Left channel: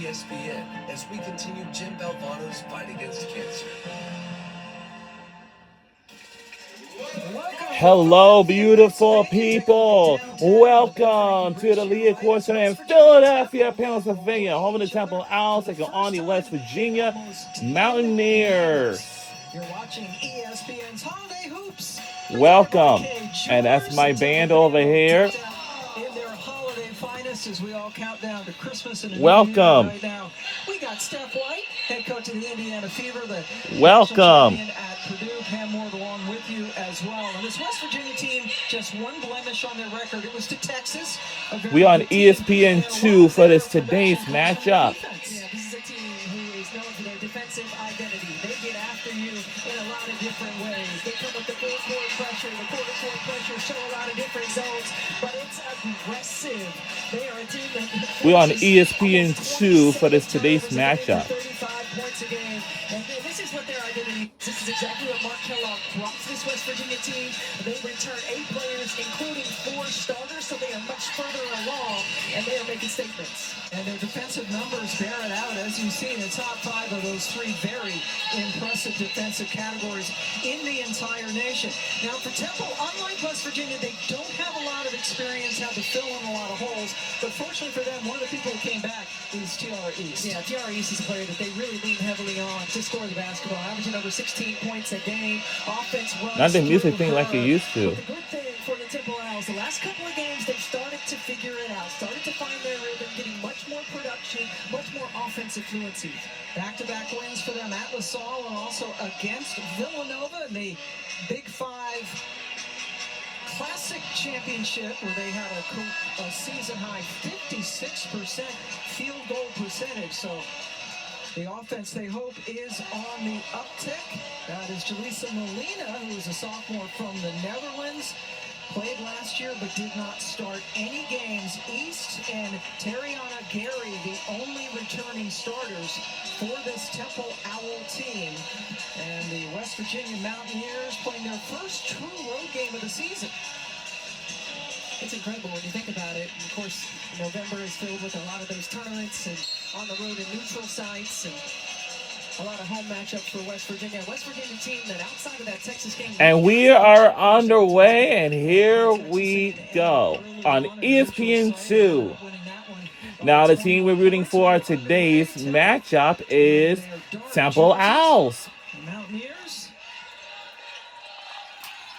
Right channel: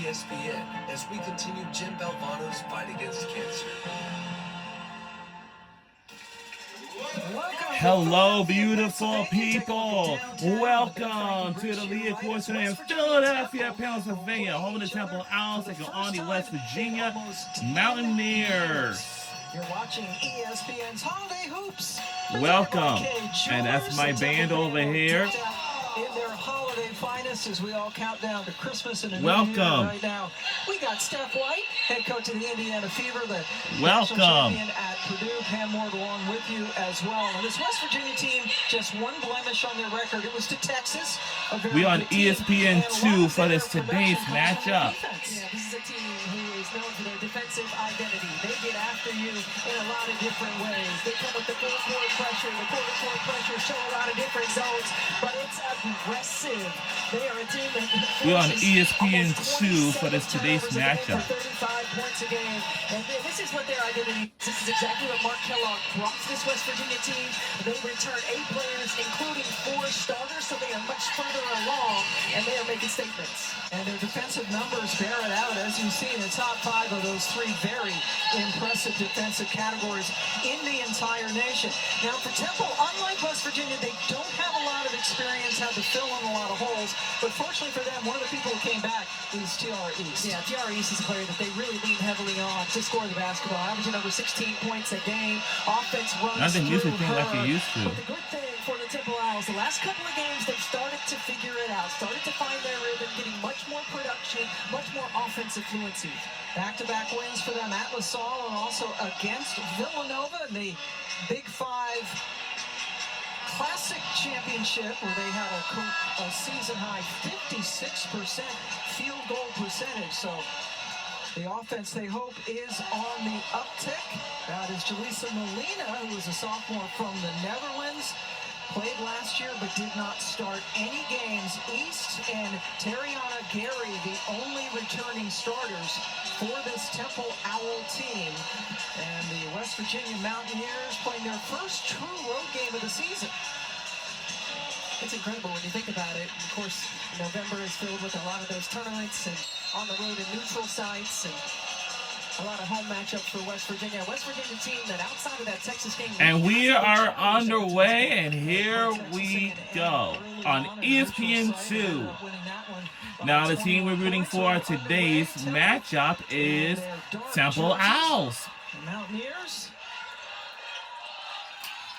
ESPN as we continue Jim Valvano's fight against cancer. Hello, beautiful people. Welcome to the Leah Court Center in Philadelphia, Pennsylvania, home of the Temple Owls, taking on the West Virginia Mountaineers. You're watching ESPN's Holiday Hoops. Welcome. And that's my band over here. In their holiday finest as we all count down to Christmas and a Welcome. New Year right now. We got Steph White, head coach of the Indiana Fever, the Welcome. champion at Purdue. Pam Ward along with you as well. And this West Virginia team, just one blemish on their record. It was to Texas. We on ESPN2 for this today's matchup. Yeah, this is a team who is known for their defensive identity. They get after you in a lot of different ways. They come with the full-court pressure, the quarter-court pressure, show a lot of different zones, but it's aggressive. They are a team that... We're on ESPN2 for this today's matchup. 35 points a game. And this is what their identity is. This is exactly what Mark Kellogg brought to this West Virginia team. They return 8 players, including 4 starters, so they are much further along, and they are making statements. And their defensive numbers bear it out. As you see, the top 5 of those 3 very impressive defensive categories in the entire nation. Now, for Temple, unlike West Virginia, they don't have a lot of experience, had to fill in a lot of holes. But fortunately for them, one of the people who came back is TR East. Yeah, TR East is a player that they really lean heavily on to score the basketball, averaging over 16 points a game. Offense runs Not the music thing her. like you used to. But the good thing for the Temple Owls, the last couple of games, they've started to figure it out, started to find their rhythm, getting much more production, much more offensive fluency. Back-to-back wins for them at LaSalle and also against Villanova in the Big 5 Classic Championship, where they had a season-high 56% field goal percentage. So the offense, they hope, is on the uptick. That is Jaleesa Molina, who is a sophomore from the Netherlands. Played last year, but did not start any games. East and Tariana Gary, the only returning starters for this Temple Owl team. And the West Virginia Mountaineers playing their first true road game of the season. It's incredible when you think about it. Of course, November is filled with a lot of those tournaments and on the road in neutral sites and a lot of home matchups for West Virginia. West Virginia team that outside of that Texas game. And we are underway, and here we go on ESPN2. Now, the team we're rooting for today's matchup is Temple Owls. Mountaineers,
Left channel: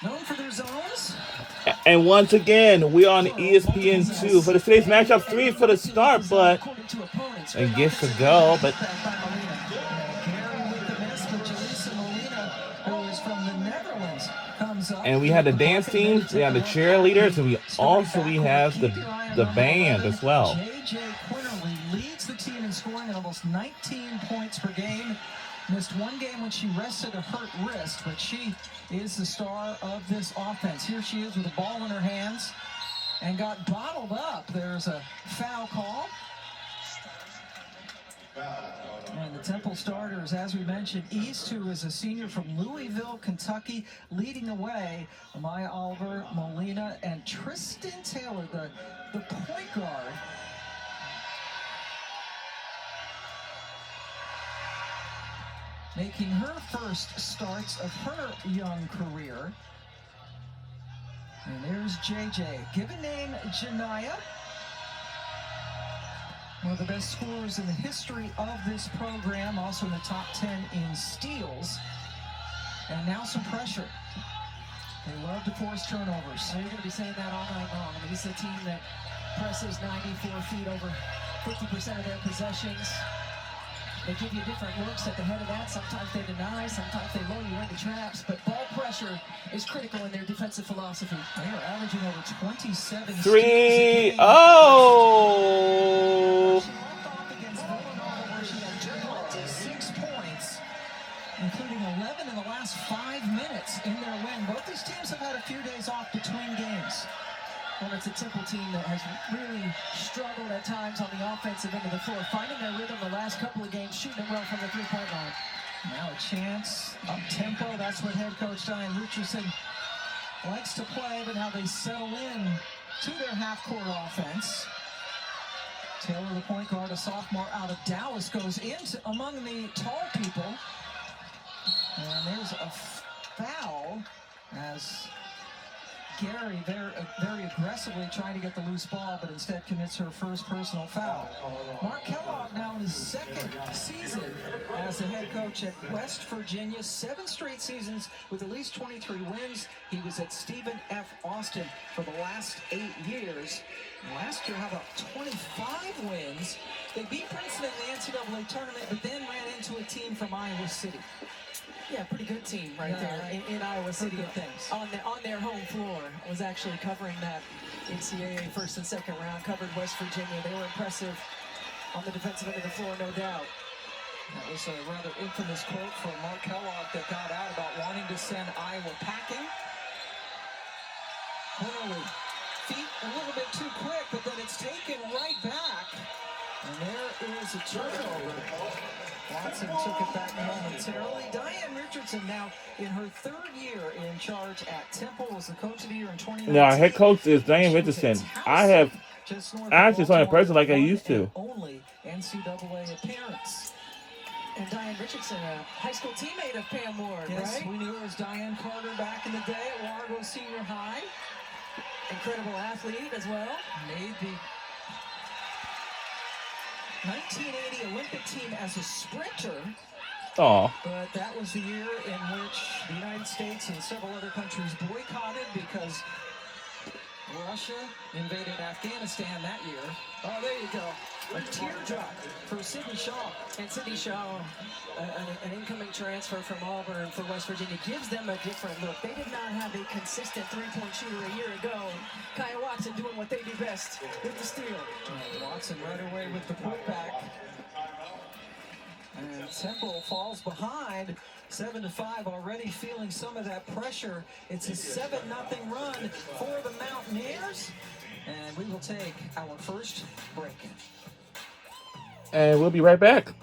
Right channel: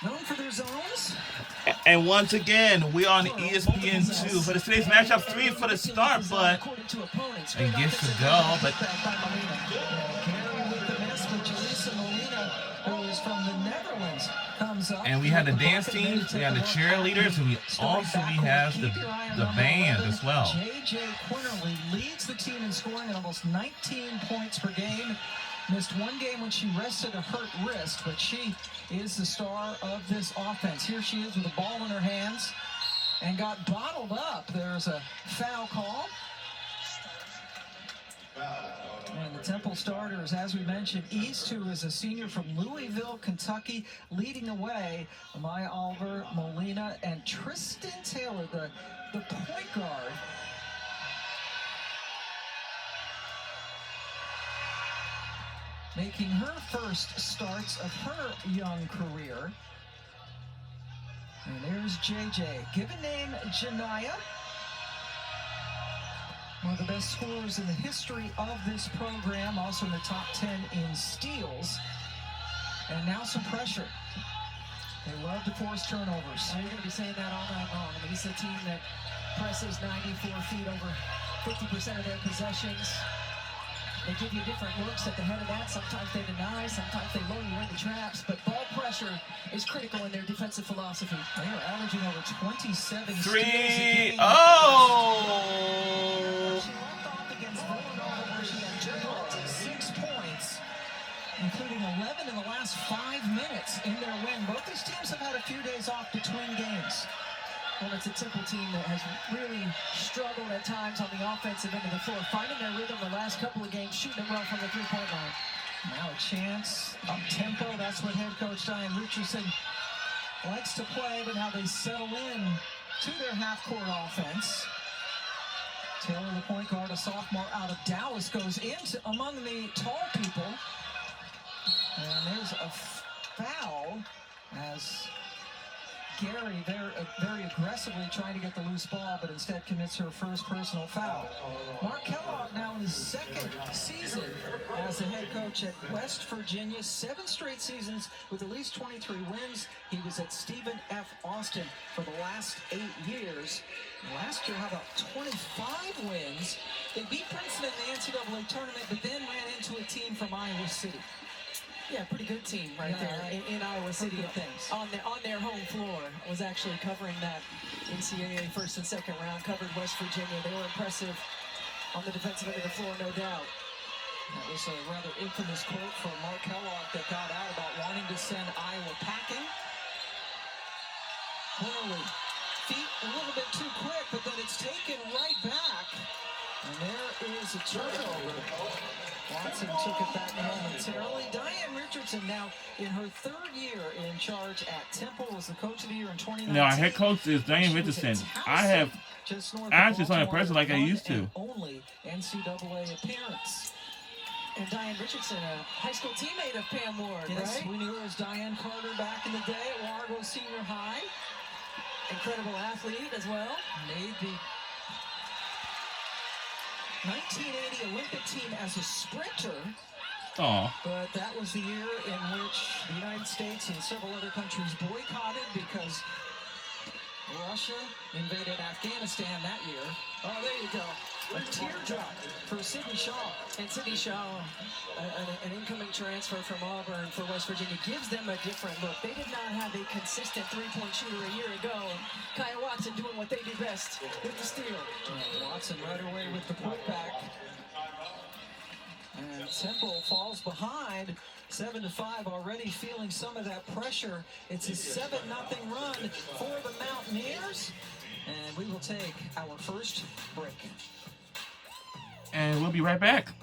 known for their zones. And once again, we're on ESPN2 for today's matchup. 3 for the start, but I guess to go. But and we had the dance team, we had the cheerleaders, and we have the band as well. JJ Quinterly leads the team in scoring at almost 19 points per game. Missed one game when she rested a hurt wrist, but she is the star of this offense. Here she is with the ball in her hands and got bottled up. There's a foul call. And the Temple starters, as we mentioned, East, who is a senior from Louisville, Kentucky, leading the way. Amaya Oliver, Molina, and Tristan Taylor, the point guard. Making her first starts of her young career. And there's JJ. Given name Janiyah. One of the best scorers in the history of this program, also in the top 10 in steals. And now some pressure. They love to force turnovers. You're going to be saying that all night long. I mean, this is a team that presses 94 feet over 50% of their possessions. They give you different looks at the head of that. Sometimes they deny, sometimes they lure you into traps. But ball pressure is critical in their defensive philosophy. They are averaging over 27 3. Oh! She walked off against Villanova, where she had 26 points, including 11 in the last 5 minutes in their win. Both these teams have had a few days off between games. Well, it's a Temple team that has really struggled at times on the offensive end of the floor, finding their rhythm the last couple of games, shooting it well from the three-point line. Now a chance, up-tempo. That's what head coach Diane Richardson likes to play, but now they settle in to their half-court offense. Taylor, the point guard, a sophomore out of Dallas, goes into among the tall people. And there's a foul as Gary very aggressively trying to get the loose ball, but instead commits her first personal foul. Mark Kellogg now in his second season as the head coach at West Virginia. 7 straight seasons with at least 23 wins. He was at Stephen F. Austin for the last 8 years. Last year, how about 25 wins? They beat Princeton in the NCAA tournament, but then ran into a team from Iowa City. Yeah, pretty good team right there in Iowa City. On their home floor. I was actually covering that NCAA first and second round, covered West Virginia. They were impressive on the defensive end of the floor, no doubt. That was a rather infamous quote from Mark Kellogg that got out about wanting to send Iowa packing. Penalty. Feet a little bit too quick, but then it's taken right back. And there is a turnover. Watson took it back momentarily. Diane Richardson now in her 3rd year in charge at Temple, was the coach of the year in 2019. Now, our head coach is Diane Richardson. I have actually saw in person like I used to. Only NCAA appearance. And Diane Richardson, a high school teammate of Pam Ward, Yes, right? we knew her as Diane Carter back in the day at Largo Senior High. Incredible athlete as well. Made the 1980 Olympic team as a sprinter. Oh. But that was the year in which the United States and several other countries boycotted because Russia invaded Afghanistan that year. Oh, there you go. A teardrop for Sidney Shaw. And Sidney Shaw, an incoming transfer from Auburn for West Virginia, gives them a different look. They did not have a consistent three-point shooter a year ago. Kaya Watson doing what they do best with the steal. Watson right away with the putback. And Temple falls behind 7-5, already feeling some of that pressure. It's a 7-0 run for the Mountaineers. And we will take our first break. And we'll be right back.